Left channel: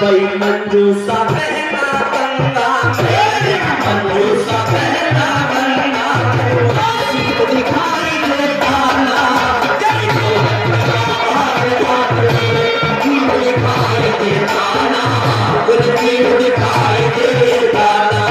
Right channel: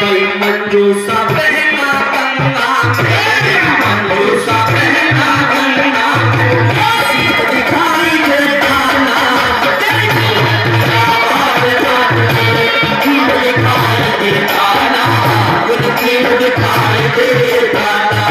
कोई मंजूसा बहना गंगा मेरे मंजूसा बहना गंगा दिखाई देता ना दिखाई देता ना दिखाई देता ना।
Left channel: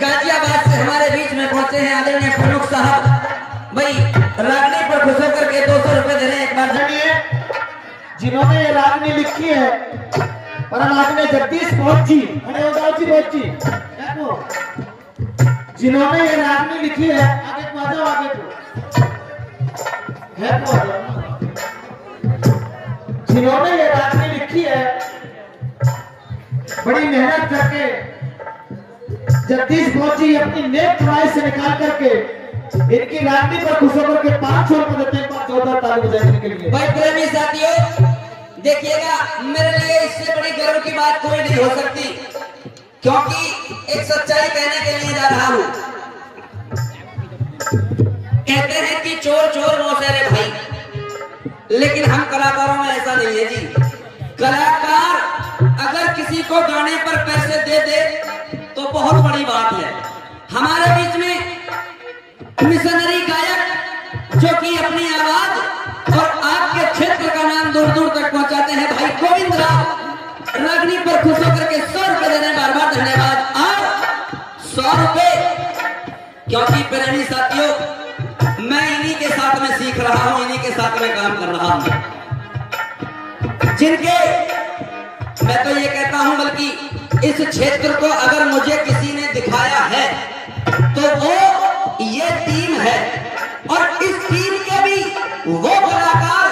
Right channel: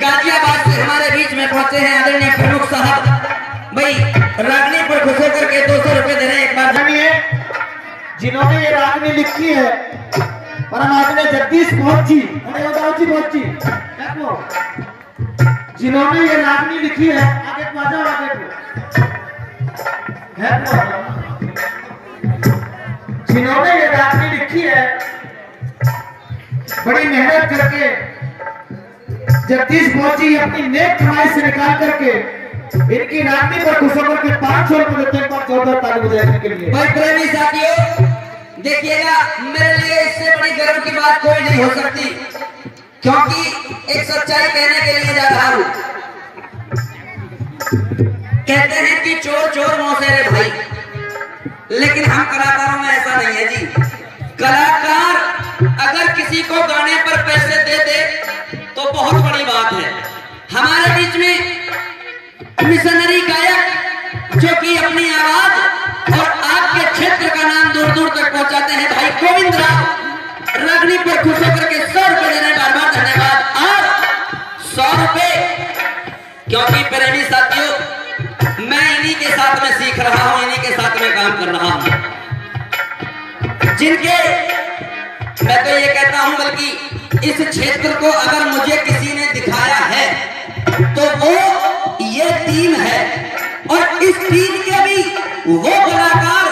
गाजियाबाद से हमारे बीच में पहुंचे हैं आदरणीय प्रमुख साहब भाई रागनी पर खुश होकर के 200 रुपए दे रहे हैं। एक बार जानिए जिन्होंने ये रागनी लिखी है और हम आपने जगदीश पहुंची पहुंची जिन्होंने ये रागनी लिखी है आगे को आगे जिन्होंने ये रागनी लिखी है बड़ी मेहनत करके जगदीश पहुंची अपनी नेक कमाई से निकाल करके इनकी रागनी पर खुश होकर के 500 रुपए देते हैं। 14 ताली बजाने के लिए। भाई प्रेमी साथियों देखिएगा मेरे लिए इससे बड़ी गर्व की बात कोई नहीं हो सकती क्योंकि एक सच्चाई कहने के लिए जा रहा हूं। कहते हैं कि चोर चोर मौसेरे भाई, लेकिन हम कलाकारों में ऐसा नहीं है जी। कलाकार अगर किसी को गाने पर पैसे दे दे तो बहुत बड़ी बात है। हमारे बीच में मिशनरी गायक जो कि अपनी आवाज और आपके क्षेत्र का नाम दूर दूर तक पहुंचाते हैं भाई गोविंद राव रागनी पर खुश होकर के 100 रुपए दे रहे हैं। बार बार धन्यवाद। और 100 रुपए क्योंकि प्रेमी साथियों मैं इन्हीं के साथ में सीख रहा हूं, इन्हीं के साथ में काम कर रहा हूं जिनके मैं तो ये कहता हूं बल्कि इस क्षेत्र को अगर मुझे किसी ने दिखाया है तो वो ये टीम है और इस टीम के भी वो कलाकार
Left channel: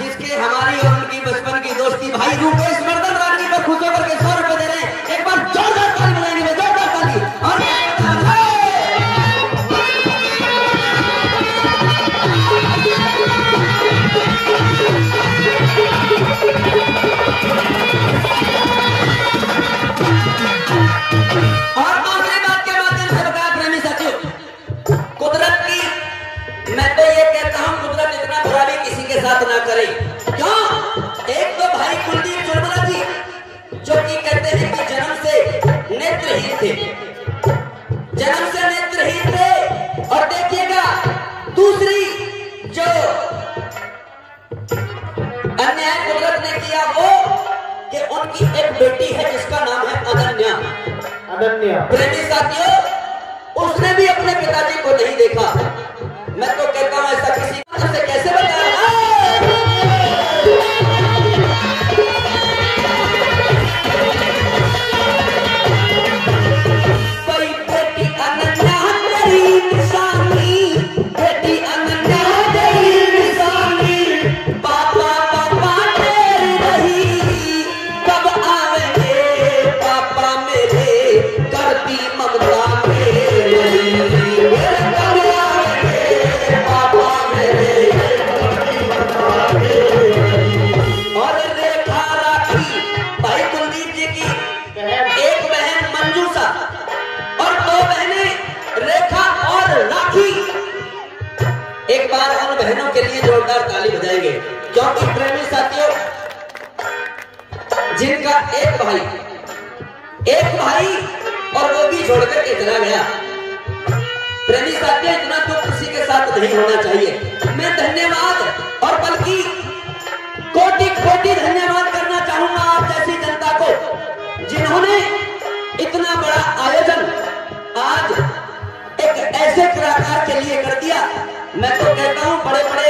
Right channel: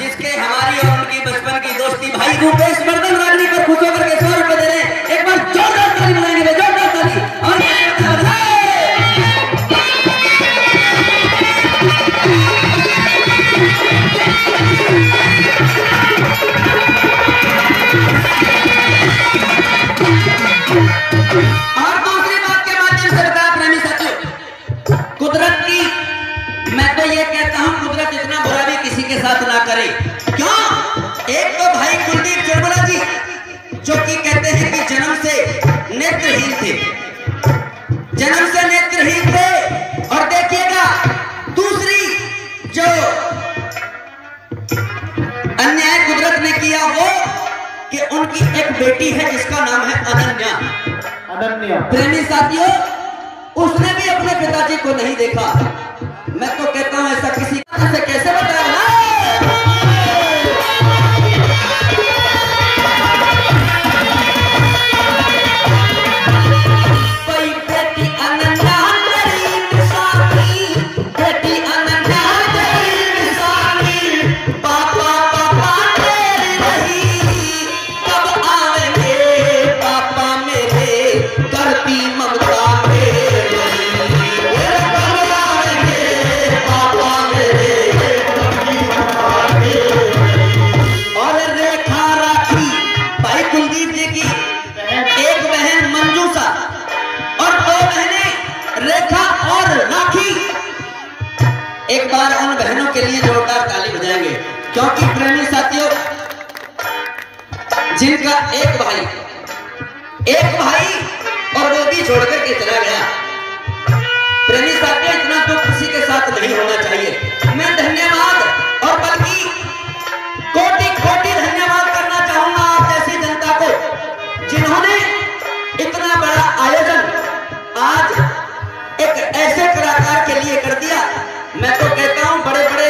जिसके हमारी और उनकी बचपन की दोस्ती भाई रूपेश वर्धन रागनी पर खुश होकर के 100 रुपए दे रहे हैं। एक बार जोरदार ताली बजाएंगे, जोरदार ताली। और दूसरी बात के माध्यम से बताया प्रेमी साथियों कुदरत की मैं तो ये कहता हूं कुदरत इतना बुरा भी किसी के साथ ना करे। क्यों? एक तो भाई कुलदीप चरमरा जी जो कि कहते हैं कि जन्म से नेत्रहीन थे, जन्म से नेत्रहीन थे। और देखिएगा दूसरी जो अन्याय कुदरत ने किया वो कि उनकी एक बेटी है जिसका नाम है अनन्या। प्रेमी साथियों उसने भी अपने पिताजी को नहीं देखा। मैं तो कहता हूं ऐसा किसी से कैसे बताया। एक बार उन बहनों के लिए जोरदार ताली बजाएंगे क्योंकि प्रेमी साथियों जिनका एक भाई और वो भी छोड़ करके चला गया। प्रेमी साथियों इतना तो किसी के साथ नहीं होना चाहिए। मैं धन्यवाद और बल्कि कोटि कोटि धन्यवाद करना चाहूंगा आप जैसी जनता को जिन्होंने इतना बड़ा आयोजन आज एक ऐसे कलाकार के लिए कर दिया। मैं तो कहता हूं बड़े बड़े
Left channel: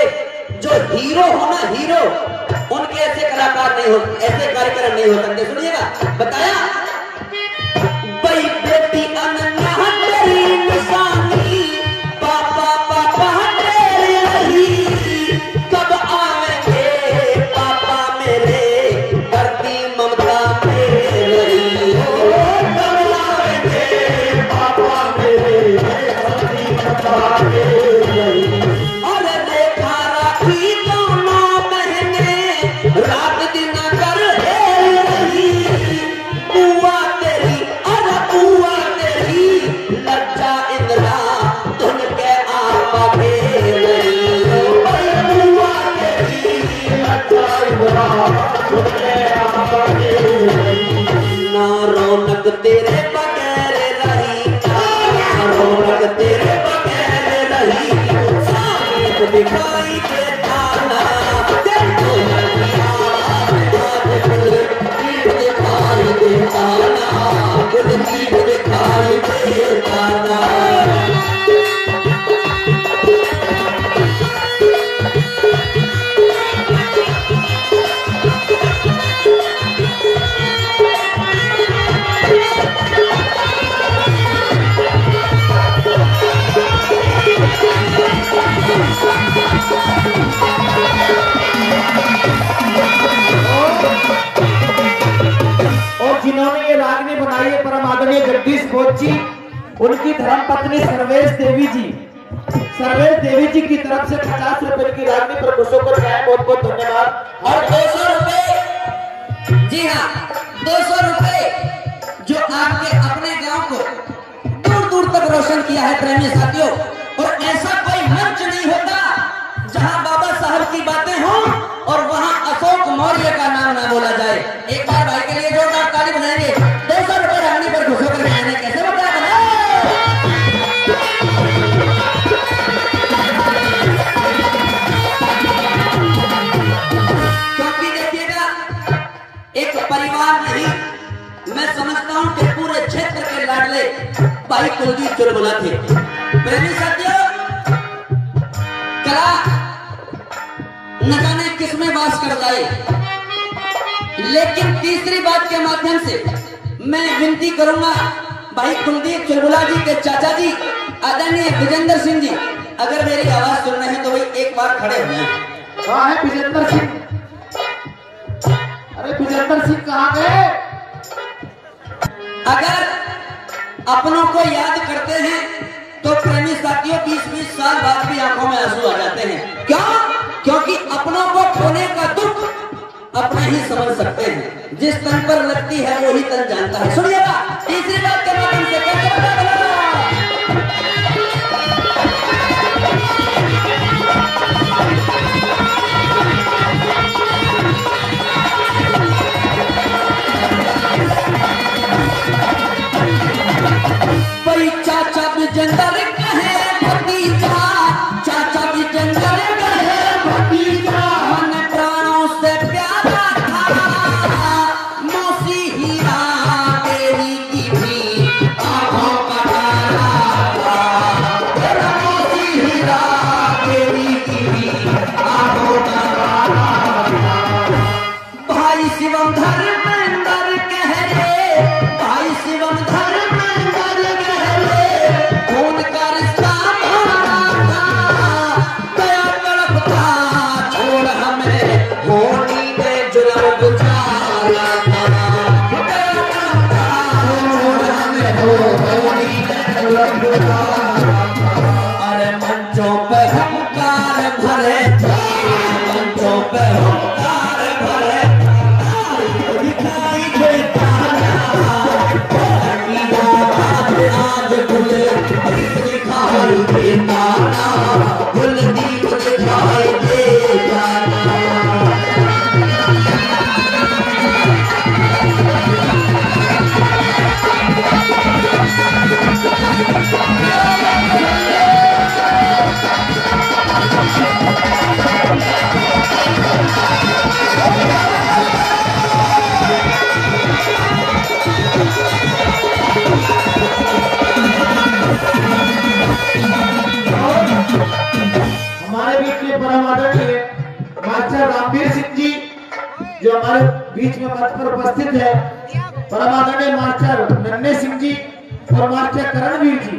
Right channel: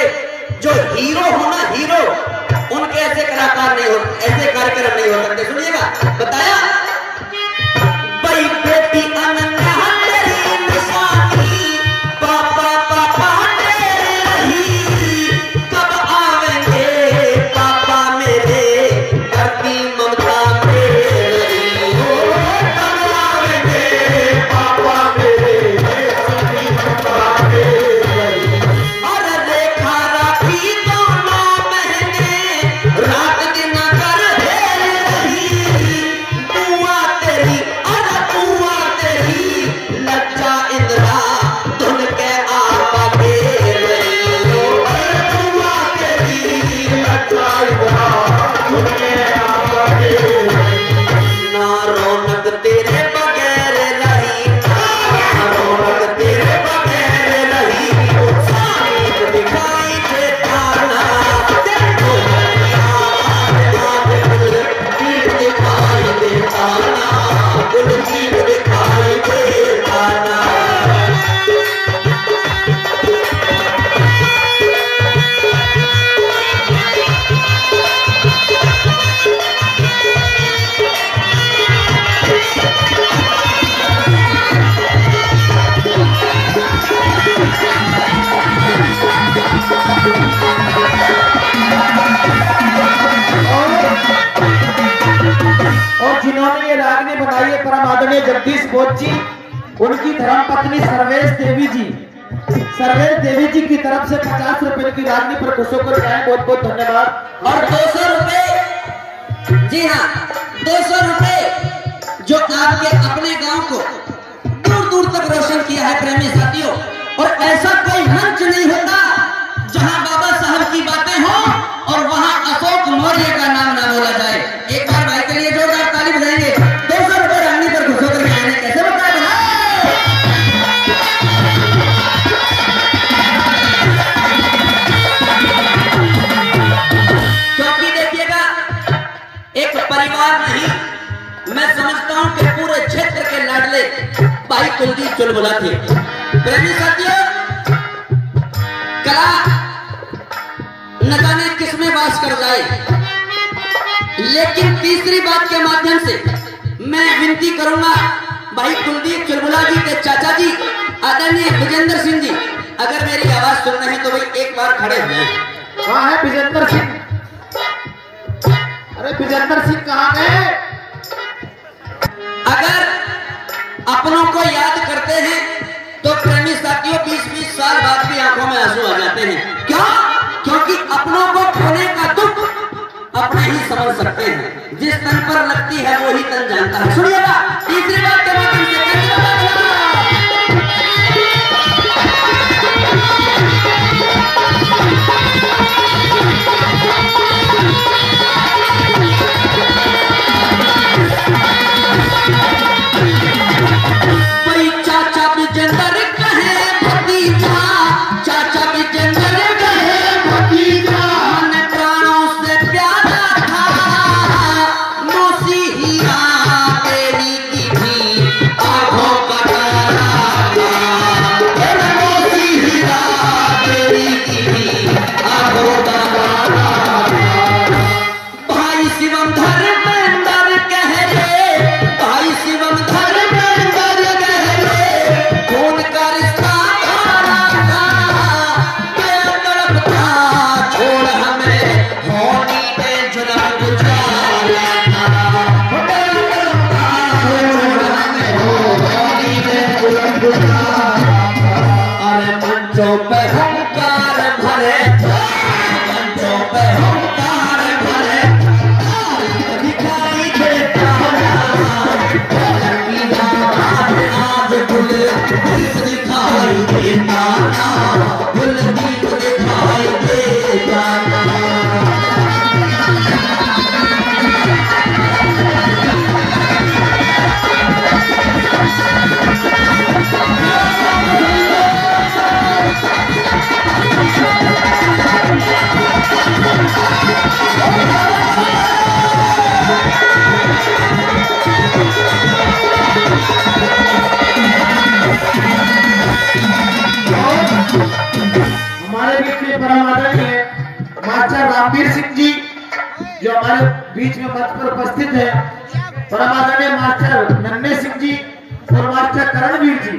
जो हीरो हो ना हीरो उनके ऐसे कलाकार नहीं हो, ऐसे कार्यक्रम नहीं हो सकते। सुनिएगा बताया बड़ी बेटी अनन्या तेरी निशानी पापा पापा तेरी रही कब आवेंगे पापा मेरे करती ममता मेरी। गुरदीप दिखाई देता ना। और जिन्होंने ये रागनी बनाई है परम आदरणीय जगदीश बोध जी, उनकी धर्म पत्नी सर्वेश देवी जी की तरफ से 50 रुपए की रागनी पर खुशों को जाए, बहुत बहुत धन्यवाद। और 200 रुपए, जी हाँ 200 रुपए जो आपके अपने गांव को दूर दूर तक रोशन किया है प्रेमी साथियों। और ऐसा कोई मंच नहीं होता जहां बाबा साहब की बातें हों और वहां अशोक मौर्य का नाम ना बोला जाए। एक बार भाई के लिए जोरदार ताली बजाएंगे। 200 रुपए रागनी पर खुशों कर मैंने कैसे बताया, क्योंकि देखिएगा एक परिवार नहीं, मैं समझता हूं कि पूरे क्षेत्र के लाडले भाई कुलदीप चुलबुला थे। प्रेमी साथियों, कला न जाने किसमें वास कर जाए, लेकिन तीसरी बात के माध्यम से मैं विनती करूंगा भाई कुलदीप चुलबुला जी के चाचा जी आदरणीय विजेंद्र सिंह जी, अगर मेरी आवाज सुन रहे हैं तो भाई एक बार खड़े हुए। कहाँ है विजेंद्र सिंह? अरे विजेंद्र सिंह कहाँ गए? अगर अपनों को याद करते हैं तो प्रेमी साथियों 20-20 साल बाद भी आंखों में आंसू आ जाते हैं। क्यों? क्योंकि अपनों को खोने का दुख अपने ही समझ सकते हैं, जिस तन पर लगती है वही तन जानता है। सुनिएगा तीसरी बात के माध्यम से कैसे बड़ी चाचा विजेंद्र कहे भतीजा, चाचा विजेंद्र कहे भतीजा, मन प्राणों से प्यारा था, मौसी हीरा तेरी की भी आंखों का तारा था, मौसी हीरा तेरी की भी आंखों का तारा था। भाई शिवम धर्मेंद्र कह रे, भाई शिवम धर्मेंद्र कह रे, खून का रिश्ता हमारा था, गया तड़पता छोड़ हमें, होनी ने जुल्म गुजारा था, गया तड़पता छोड़ हमें, होनी ने जुल्म गुजारा था। अरे मंचों पे हुंकार भरे, मंचों पे हुंकार भरे, दिखाई देता आज गुलदीप दिखाई देता ना, गुलदीप दिखाई देता ना। हमारे बीच में परम आदरणीय मास्टर रामवीर सिंह जी जो हमारे बीच में मंच पर उपस्थित है, परम आदरणीय मास्टर नन्हे सिंह जी और मास्टर करणवीर जी,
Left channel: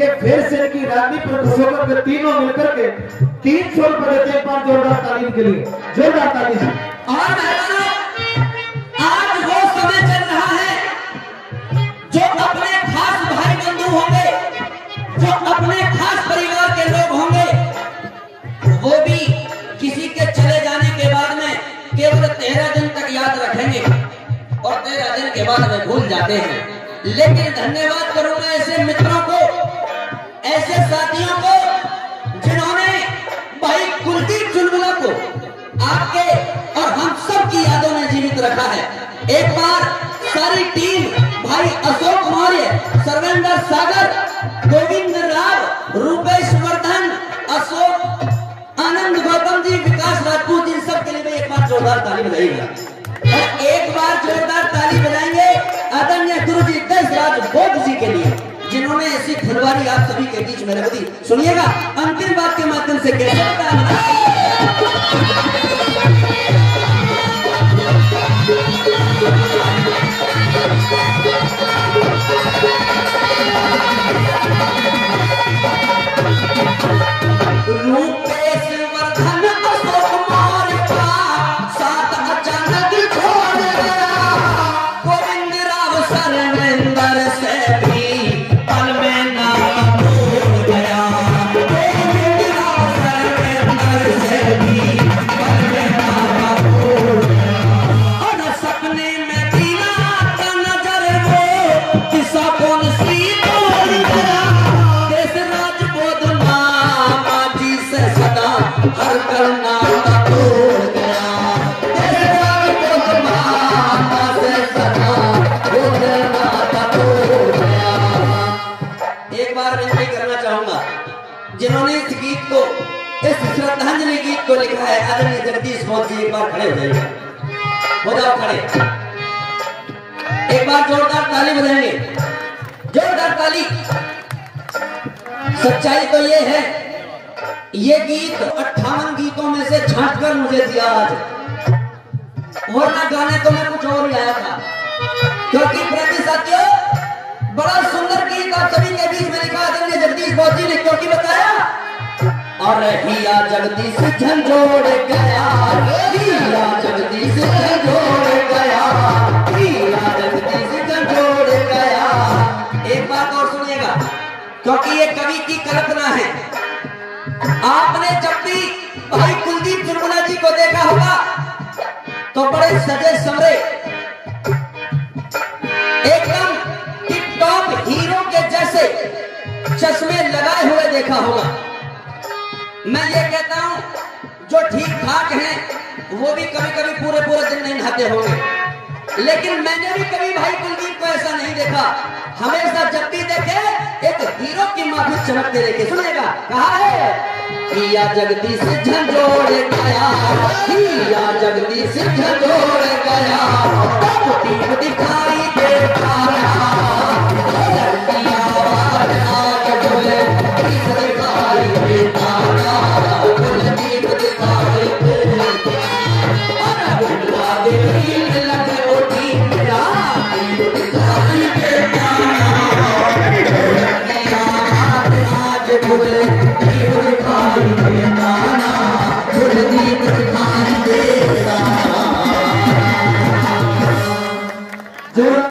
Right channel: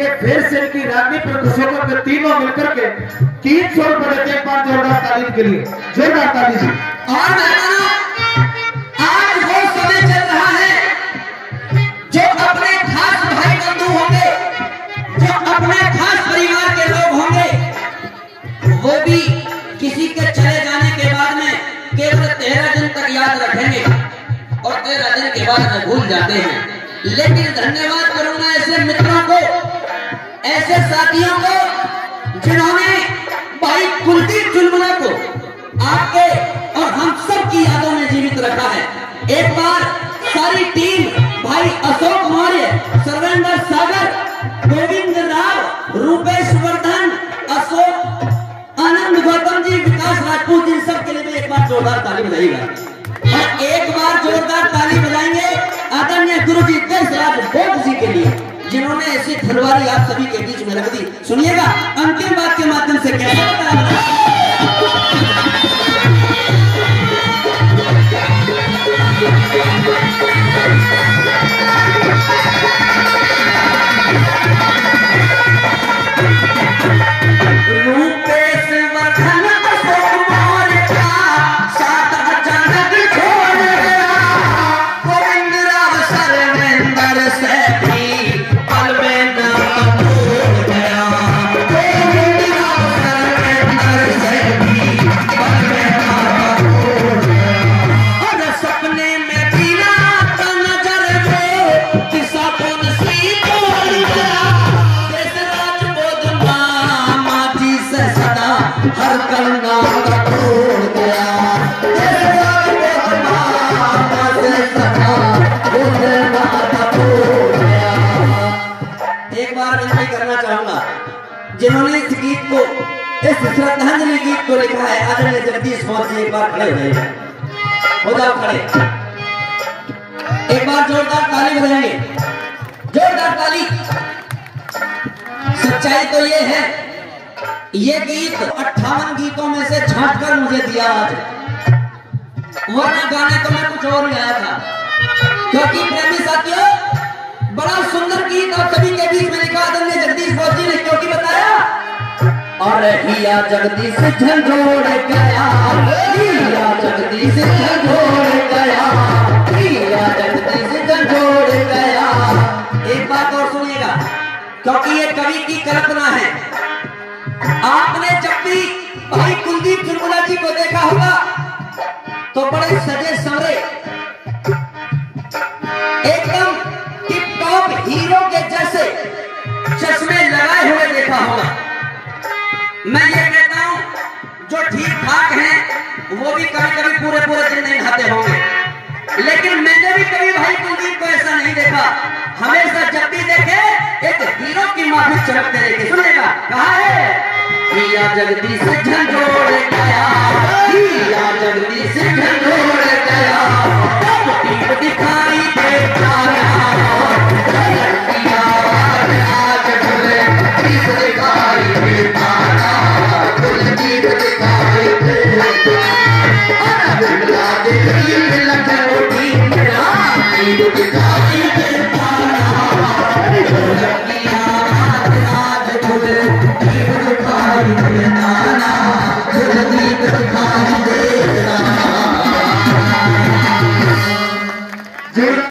ये फिर से इनकी रागनी पर खुश होकर के तीनों मिलकर के 300 रुपए देते हैं। 5 जोरदार ताली के लिए, जोरदार ताली जी। और मेहमानों, आज वो समय चल रहा है जो अपने खास भाई बंधु होंगे, जो अपने खास परिवार के लोग होंगे, वो भी किसी के चले जाने के बाद में केवल 13 दिन तक याद रखेंगे और 13 दिन के बाद में भूल जाते हैं। लेकिन धन्यवाद करूंगा ऐसे मित्रों को, ऐसे साथियों को जिन्होंने भाई कुलदीप चुलबुला को आपके और हम सब की यादों में जीवित रखा है। एक बार सारी टीम भाई अशोक मौर्य, सर्वेंद्र सागर, गोविंद राव, रूपेश वर्धन, अशोक आनंद, गौतम जी, विकास राजपूत, इन सब के लिए एक बार जोरदार ताली बजाइएगा। और एक बार जोरदार ताली बजाएंगे आदरणीय गुरु जी देशराज बोध जी के लिए, जिन्होंने ऐसी फुलवारी आप सभी के बीच में रख दी। सुनिएगा अंतिम बात के माध्यम से कैसे जिन्होंने इस गीत को, इस श्रद्धांजलि गीत को लिखा है आदरणीय जगदीश बोध जी। एक बार खड़े हो जाइए, हो जाओ खड़े, एक बार जोरदार ताली बजाएंगे, जोरदार ताली। सच्चाई तो ये है, ये गीत 58 गीतों में से छांट कर मुझे दिया आज, वरना गाने तो मैं कुछ और ही आया था। क्योंकि प्रेमी साथियों, बड़ा सुंदर गीत आप सभी के बीच में लिखा आदरणीय जगदीश बोध जी ने, क्योंकि बताया और हिया जगदीश झंझोड़ गया, हिया जगदीश झंझोड़ गया, हिया जगदीश झंझोड़ गया। एक बात और सुनिएगा, क्योंकि ये कवि की कल्पना है। आपने जब भी भाई कुलदीप चुलबुला जी को देखा होगा तो बड़े सजे संवरे, एकदम टिप टॉप हीरो के जैसे चश्मे लगाए हुए देखा होगा। मैं ये कहता हूं, जो ठीक ठाक हैं वो भी कभी कभी पूरे पूरे दिन नहीं नहाते होंगे, लेकिन मैंने भी कभी भाई कुलदीप को ऐसा नहीं देखा। हमेशा जब भी देखे एक हीरो की माफी चमकते देखे। सुनिएगा, कहा है हिया जगदीश झंझोड़ गया, हिया जगदीश झंझोड़ गया, दिखाई